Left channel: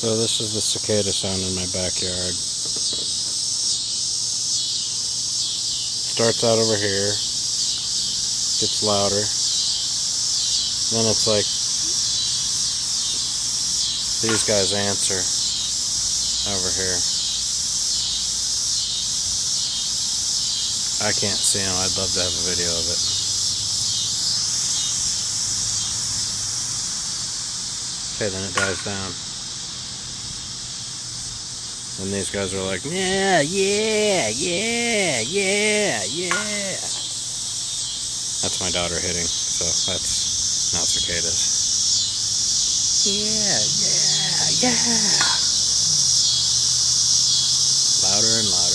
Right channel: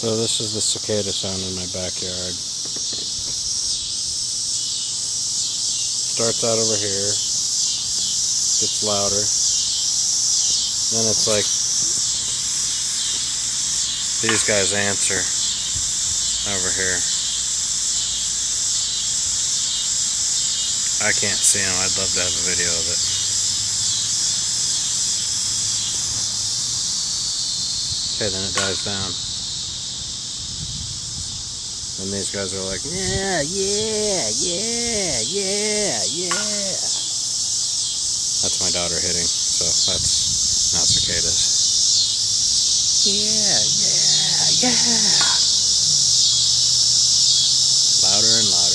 So this is the cicada sound in my backyard. Starts out over here, gets louder, then it's like these guys answer over here. I can't see them. I'd love to have a video of it. Okay, then it dies down. And these guys are like, yeah, yeah, yeah, yeah, yeah. That's my daughter hitting, so that's not cicadas. Yeah, yeah, yeah. Louder and louder.